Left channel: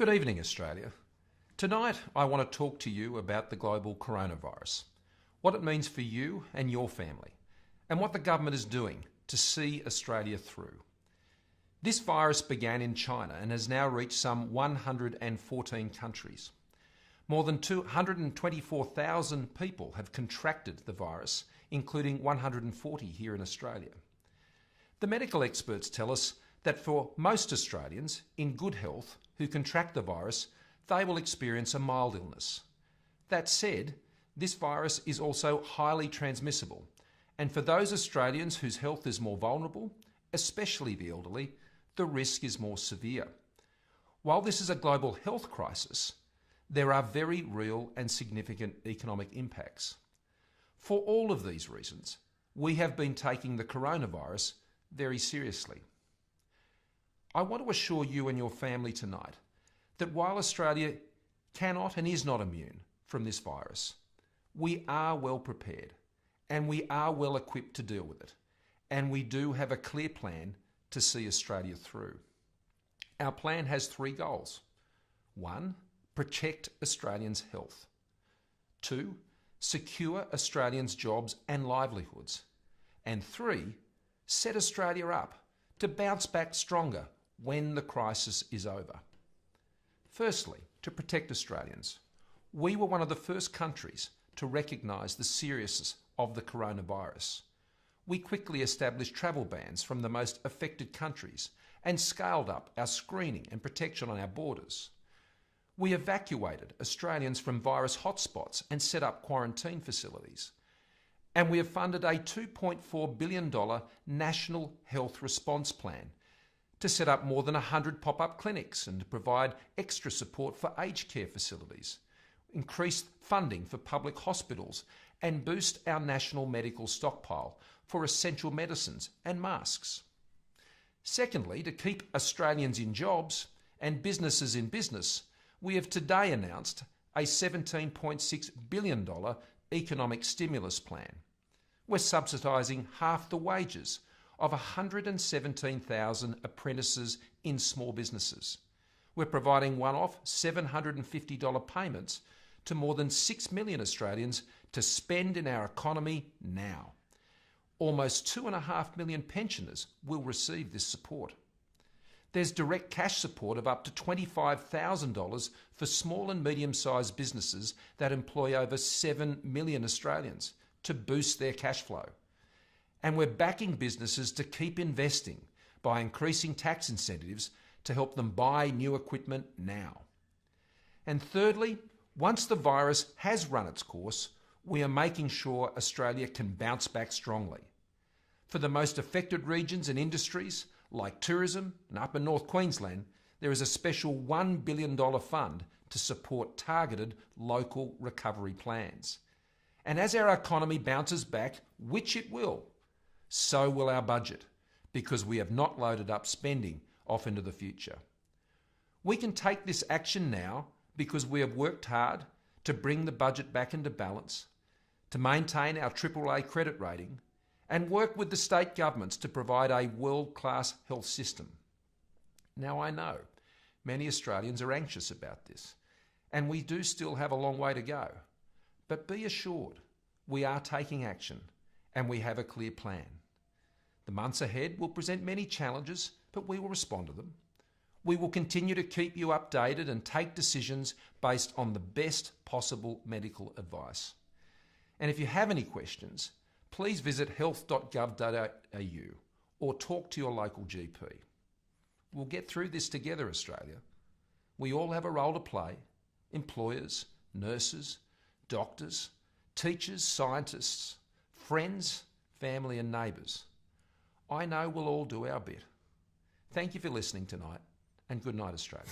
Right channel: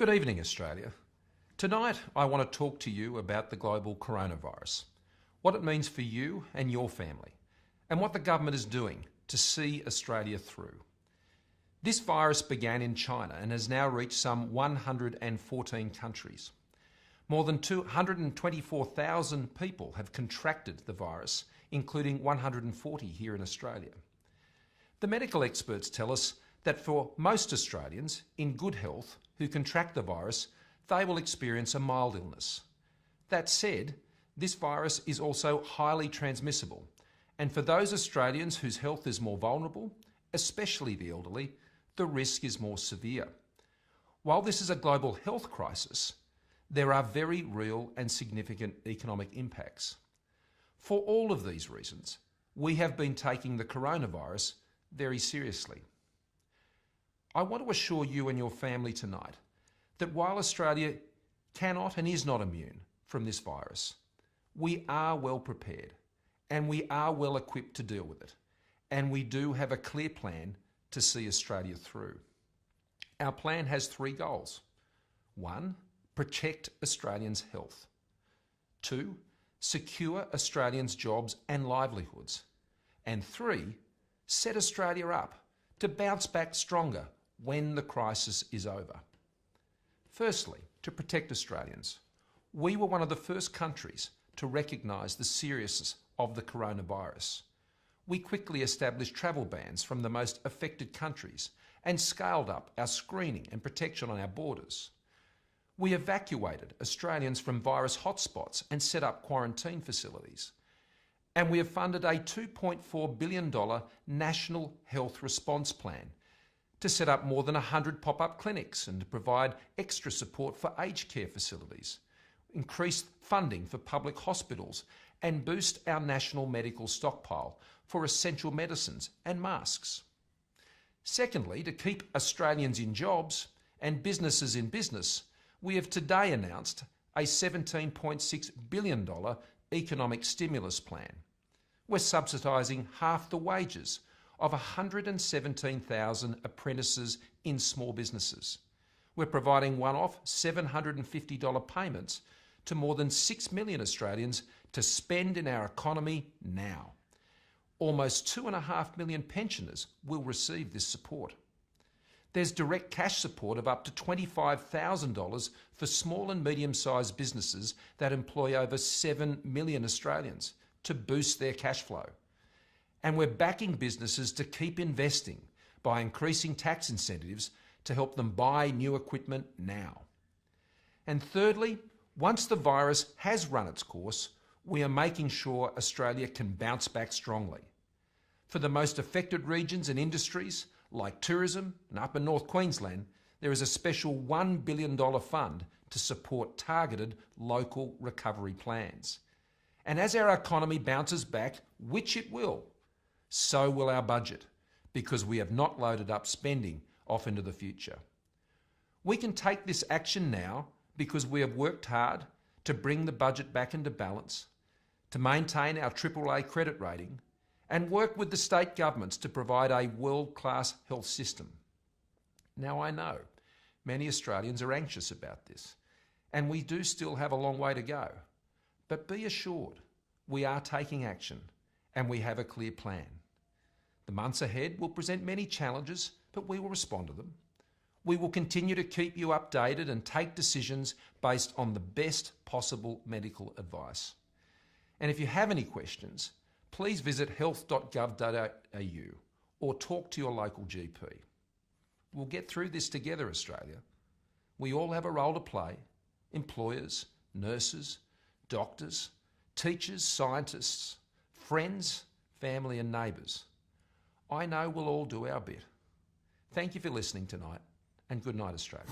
Good evening, Australia. Tonight I want to talk to you about the global coronavirus, what it means for you and your family, and what the government is doing to see Australia through. This virus began in China and has now reached some 114 countries. More than 224,000 people have contracted the virus, including 140 here in Australia. The medical experts tell us that for most Australians in good health who contract the virus, they will experience a mild illness. That said, this virus is also highly transmissible, and for those Australians whose health is more vulnerable, especially the elderly, the risk is more severe. While this is a global health crisis, there are very real and significant economic impacts. For all of these reasons, we have been taking the coronavirus very seriously. I want to assure you and your family tonight that while Australia cannot and is not immune from this virus, we are well prepared and we are well equipped to deal with it, and we do have a clear plan to see Australia through. Our plan has three goals. 1, protect Australians' health. 2, secure Australians' jobs and livelihoods. And 3, set Australia up to bounce back stronger when the crisis is over. Firstly, to protect Australians. We were one of the first countries to recognise the seriousness of the coronavirus. We quickly established travel bans from the most affected countries and scaled up our screening and protection on our borders. We evacuated Australians from virus hotspots and set up quarantine facilities. And we have funded a $2.4 billion National Health Response Plan to set up more than 100 pop-up clinics and to provide extra support for aged care facilities, increase funding for public hospitals and boost our national medical stockpile for essential medicines and masks. Secondly, to keep Australians in jobs and businesses in business, we have today announced a $17.6 billion economic stimulus plan. We're subsidising half the wages of 117,000 apprentices in small businesses. We're providing one-off $750 payments to more than 6 million Australians to spend in our economy now. Almost 2.5 million pensioners will receive this support. There's direct cash support of up to $25,000 for small and medium-sized businesses that employ over 7 million Australians to boost their cash flow. And we're backing businesses to keep investing by increasing tax incentives to help them buy new equipment now. And thirdly, once the virus has run its course, we are making sure Australia can bounce back strongly. For the most affected regions and industries, like tourism and Upper North Queensland, there is a special $1 billion fund to support targeted local recovery plans. And as our economy bounces back, which it will, so will our budget, because we have not loaded up spending off into the future. We can take this action now because we have worked hard to bring the budget back into balance, to maintain our AAA credit rating, and work with the state governments to provide a world-class health system. Now I know many Australians are anxious about this, and we do still have a long way to go. But be assured, we are taking action and we have a clear plan. The months ahead will present many challenges, but we will respond to them. We will continue to keep you updated and take decisions based on the best possible medical advice. And if you have any questions, please visit health.gov.au or talk to your local GP. We'll get through this together, Australia. We all have a role to play: employers, nurses, doctors, teachers, scientists, friends, family and neighbours. I know we'll all do our bit. Thank you for listening tonight, and good night, Australia.